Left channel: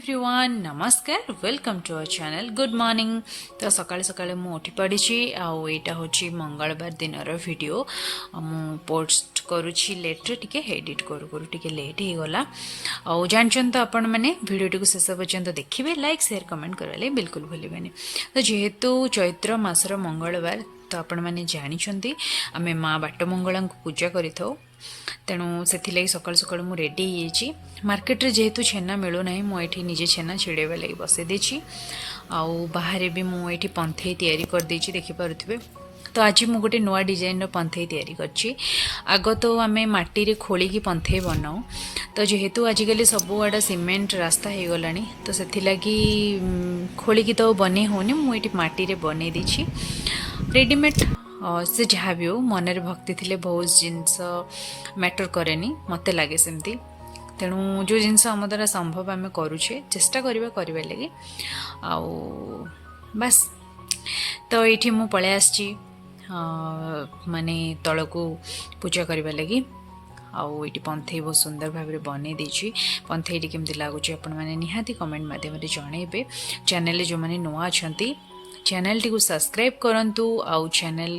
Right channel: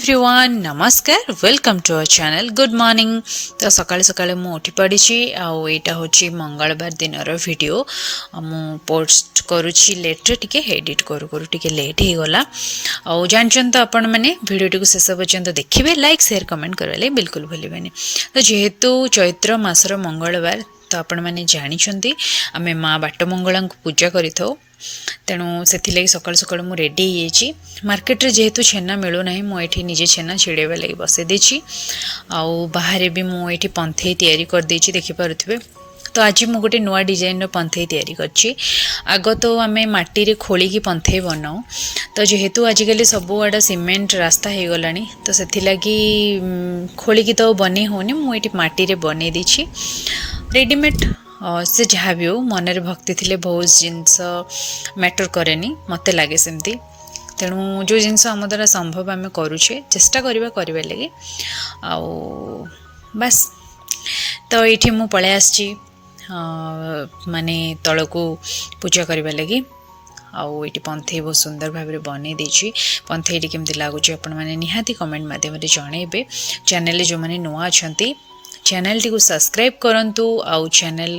Everyone नमस्कार welcome to our channel good morning. तो सकाळे सकाळे मु उठी पड़ी आउ एटा होची मंगलवार दिन वीडियो मु पोस्ट करुची लेट रे टिके एडिट करू करू टिके लेट हे गला आउ जानचन तो आपण माने वीडियो टिको शेष पर्यंत देखिबे लाइक शेयर कमेंट करले बिल्कुल भूलिबेनी। तो जेहेतु चैत्र मासर मंगलवार तो आपण माने जानिछंती आमे माँ बाटमंगला को पूजा करिथौ तेणु से सकाल सकाल मु रेडी हो मार्केट रे जेहेतु छेना मिलू ना मुझे निजे छेना छिड़ेवा लगी बसई देछि आउ बाहर भी मुझे पंथई तैयारी कर देछि देखि पारुथिबे। तो आज मु गोटे नुआ डिजाइन पंथई तैयारी करछि। आग तो आमे माटी रे खोली की पंथई बनाऊ तो जेहेतु आजिकल सबुआड़ा सिमेंट रास्ता हो गलानी तो से लगी खोली की तो बने होनी मुझे माटी रे बने देछि रेडीमेड से जहाँ भी हो मनरे भक्ति थिले बहुत जिनस मैटर करेनी मते लागे सेमती। तेणु जो जिनस आम द्वारा संभव आम करुचे चेष्टा करवा लगे आउ बस। तो ये मु पलै आसची माने तल को पूजा करवा लगी आउ ये पंथई बहुत सुंदर भाव में बन देछि। पंथई केमती लगुच आपण मैंने निहाती कमेंट मध्यम जनइबे। चैनल जो मैंने नुआ अच्छा चैनल टी को सब्सक्राइब करंतु आउ चैनल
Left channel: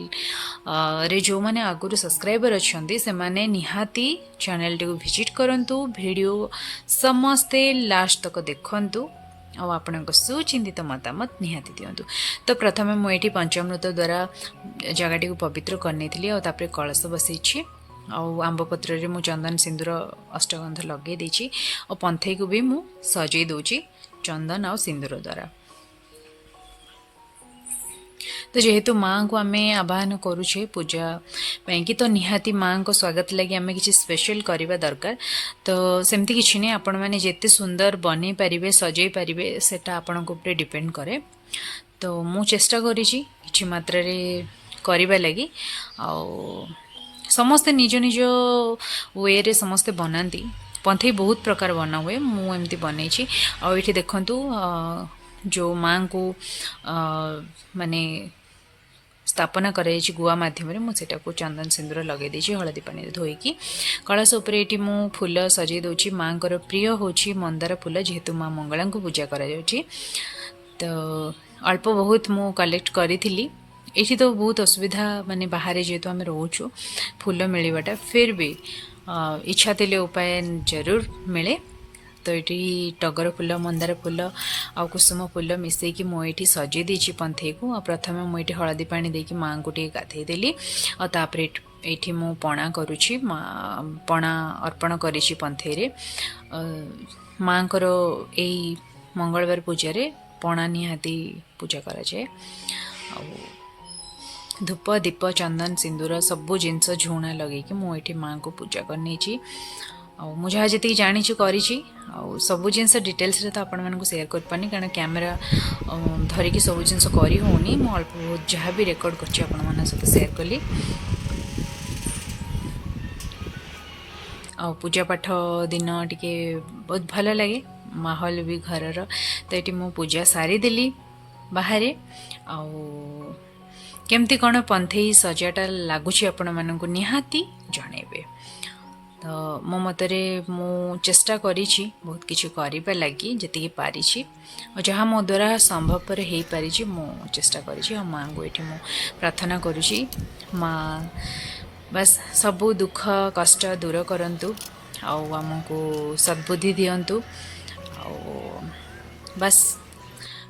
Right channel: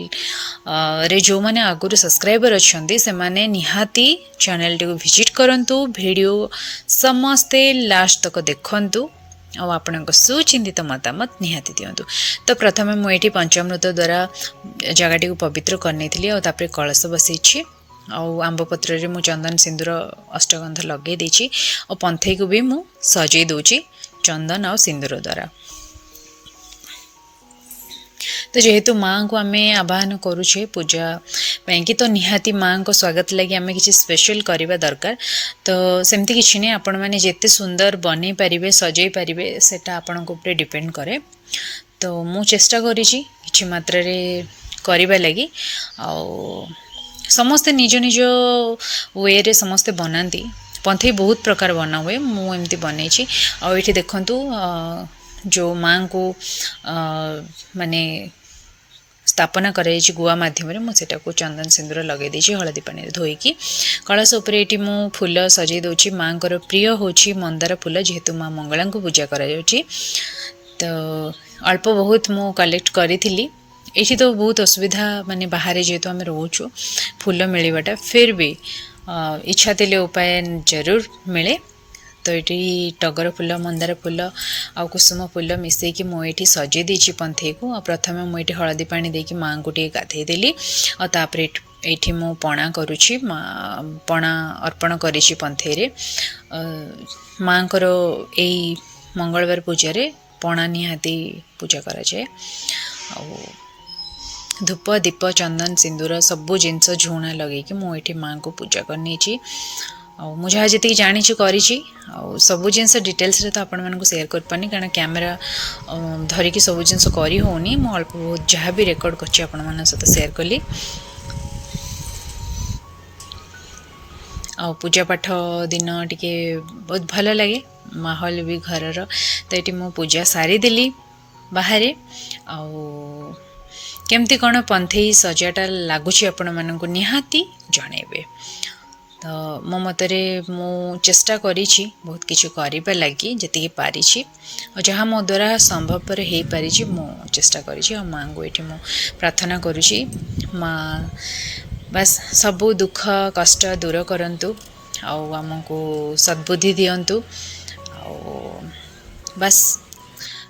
रे जो माने आगुरी सब्सक्राइबर अच्छंती से माने निहाती चैनल टी को विजिट करंतु वीडियो समस्ते लास्ट तक देखंतु आउ आपणक सुचिंतित मतामत निहाती दियंतु। तो प्रथमे मु एठी पंचामृत द्वारा जगह को पवित्र करनेथिली आउ तापर कलश बसैछि आउ आंब पत्र रे मु चंदन सिंदूर अष्टगंध लगे देछि और पंथई को भी मु सजै दोछि चंदन आउ सिंदूर द्वारा। तो जेहेतु माँ को आम आह्वान करुचे पूजा कि तो निहाती माँ को स्वागत लगे आम कि स्पेशल करवा दरकार। तो सेमती किसी नहीं आपण मैंने जिते सुंदर बन पारे सजै पारे सेटा आपण ऊपर डिपेंड करे। तो मु चेष्टा करी मात्रा करवा लगी आउ समस्ते निज निज वे रे समस्ते बनाती पंथई बहुत प्रकार बना हुए मु एमती बनई आउ ये देखंतु जो माँ को माने स्थापना कराई गुआ मध्यम मुझे को चंदन सिंदूर लगे देछि हलदी पानी धोईकी कलश उपर ये मु फूल सजै दोछि। माँ को प्रिय होछि मंदार फूल जेहेतु माँ मंगला को पूजा करा जाउछि तो अल्प बहुत मु कलेक्ट करी ये तो बहुत असुविधा माने बाहर जेहेतु आम रोचु फूल मिलवाटा फिर भी इच्छा थे उपाय जरूर मिले। तो ये टगर फूल मंदार फूल आ कुसुम फूल मिसेकी मुझे सजै देछि पंथई को। प्रथमे मुझे हलदी पानी देकी माँ को गाधे देली और तापर ये मु पणा करुछि पणा अर्पण करिछि पंथई रे। माँ को यही मंगलवार पूजा रे पणा निहाती पूजा करा जाए धूप दीप चंदन सिंदूर सबू जिनस झुणा लगे मुझे माँ को पूजा करनी मुझे जी जानी करी सब जिनस डिटेल्स रे तो आपण मानक शेयर कर पानी कारण कैमरा धरिकी सब जिनस करी होनी मु अल्प बहुत जहाँ भी रेकर्ड करछि आपण मान सहित शेयर कली। आ पूजा पाठ दिन टिके बहुत भल लगे माहौल भी घर तो ये मु पूजा सारी देली बाहर आउ केमती कौन पंथई सजाटा लगुच आपण मानक निहाती जनइबे। तो मो मतरे मु चेष्टा करिछि बहुत किछु करिबा लागि जति पारिछि और जहाँ मो द्वारा संभवपर हो पारिछि मु चेष्टा करिछि और माँ को ये मु प्रार्थना करुछि माँ बस सबू दुख कष्ट दूर करंतु आउ आमको सद्बुद्धि दियंतु आउ बस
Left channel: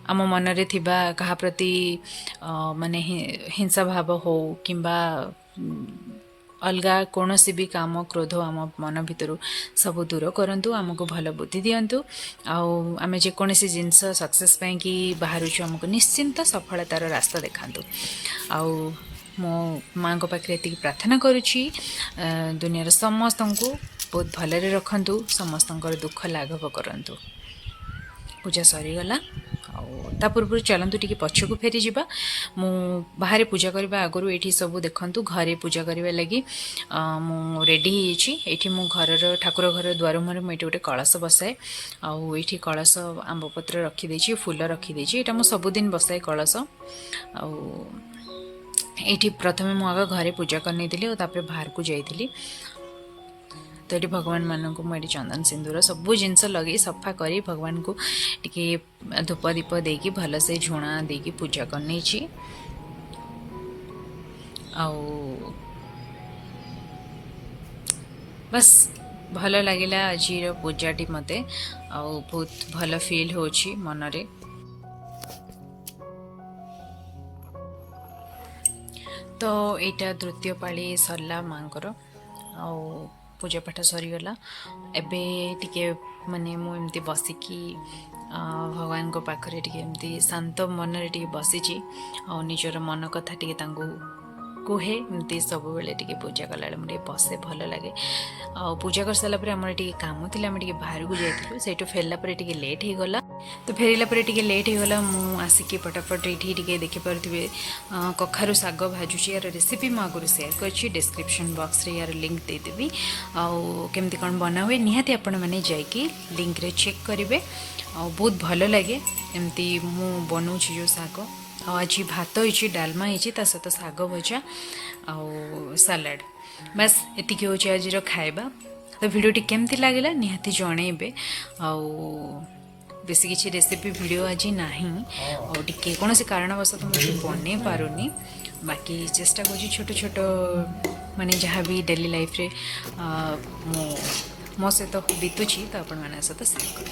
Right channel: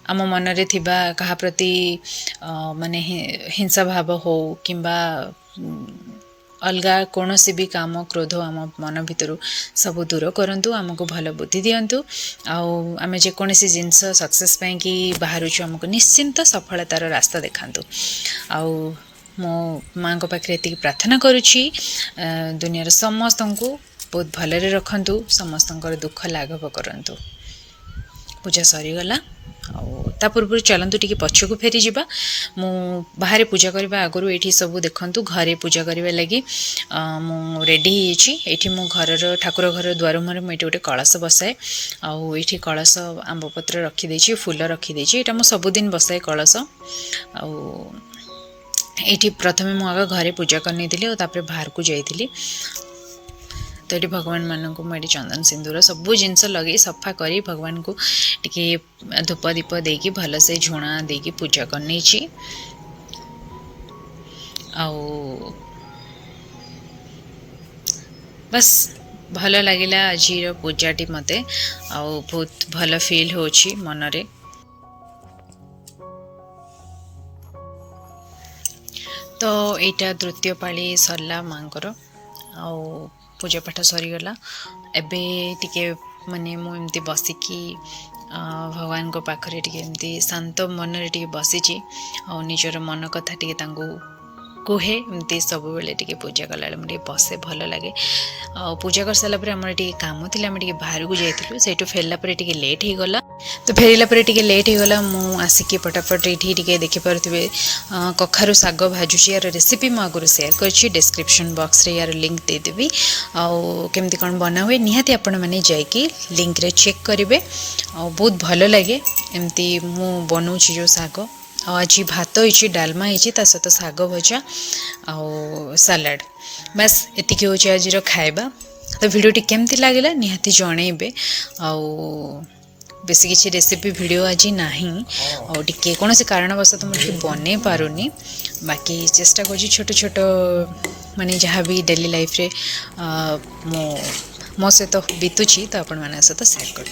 आम मनरे थिबा कहा प्रति माने हिंसा भाव हो किंबा अलगा कौन सी भी काम क्रोध आम मन भितर सब दूर करंतु आमको भल बुद्धि दियंतु आउ आमे जेकोसी जिनस सक्सेस कि बाहर आमको निश्चिंत सफलतार रास्ता देखांतु आउ मो माँ को पाखे ये प्रार्थना करुछि दुनियार समस्त को बहुत भलरे रखंतु समस्त दुख लाघव करंतु। पूजा सरीगला ता पूर्व चलतु टी पछक फेरी जावा मु बाहर पूजा करने आगु ये सब देखु घरे पूजा करने लगी मु रेडी ये मु घर ठाकुर घर द्वार मुहर मुझे गोटे कलश बसाए आउ ये कलश आंब पत्र रखीदे फूल रखीदे यहाँ मुझ सबुदिन बसाए कलश आउ ये प्रथमे मु आग घरे पूजा करनी और तापर बाहर को जाइली। तो ये भगवान मान को मुझे चंदन सिंदूर सबू जिनस लगे सफा कर भगवान को टिके धूप दीप देकी भल से झुणा देकी पूजा करनी आउ बस भल लगिला आज पूजाटी मते आउ बहुत भल फील होची मनरे। तो यहाँ तृतीय पाली सरला मांकर आउ पूजा पाठ सरीगला एबे टिके माने मु एमती बसिकी भगवान को पाखरे टिके एमती शांत मन रे टिके बसिची आ निजर मन कथा टिके तांगु कुहे एमती सब बेले टिके पूजा कला मुझे बसे भल लगे आ पूजा कर सारा आम काम थी आम बाहर को जाइलु से फेरला टिके लेट हो गला तो फेरला टिके लेट हो गला मु आसिकी फटाफट ये देखिपे कखारु साग भाजुची यार रेसिपी मु आगुरी शेयर करछि डिस्क्रिप्शन बॉक्स रे यार लिंक देदेवी आउ केमती कौन बना हुए निहाती आपण मैंने जाइकी लिंक रे चेक करेंगे आ बहुत भल लगे एमती मु बनाऊँगी जो साग आज भात होइछि डालमा होइछि ता सहित साग भजा आउ सलाड बस एतिकी होछि आज खाइबा। तो वीडियोटी केमती लागला निहाती जणेबे आउ बेसी किसी रेसिपी वीडियो आज नाही और टिके कौन से कारणवश मुझे बनै पारुनी बाकी चेष्टा कर छोट छोट माने जहाँ भी डेली लाइफ रे मो सहित बीतुची तो आपण माने सहित शेयर कर।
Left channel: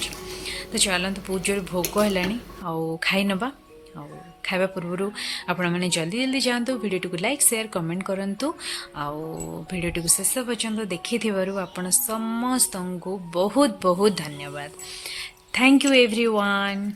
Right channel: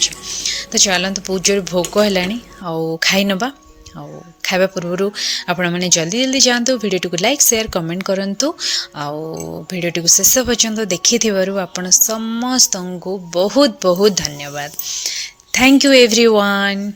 तो चलते बहुत जोर भोक है आउ खाई नबा आउ खाइबा पूर्व आपण मैंने जल्दी जल्दी जातु वीडियो को लाइक शेयर कमेंट करंतु आउ वीडियो को शेष पर्यंत देखि आपण समस्त को बहुत बहुत धन्यवाद। Thank you everyone.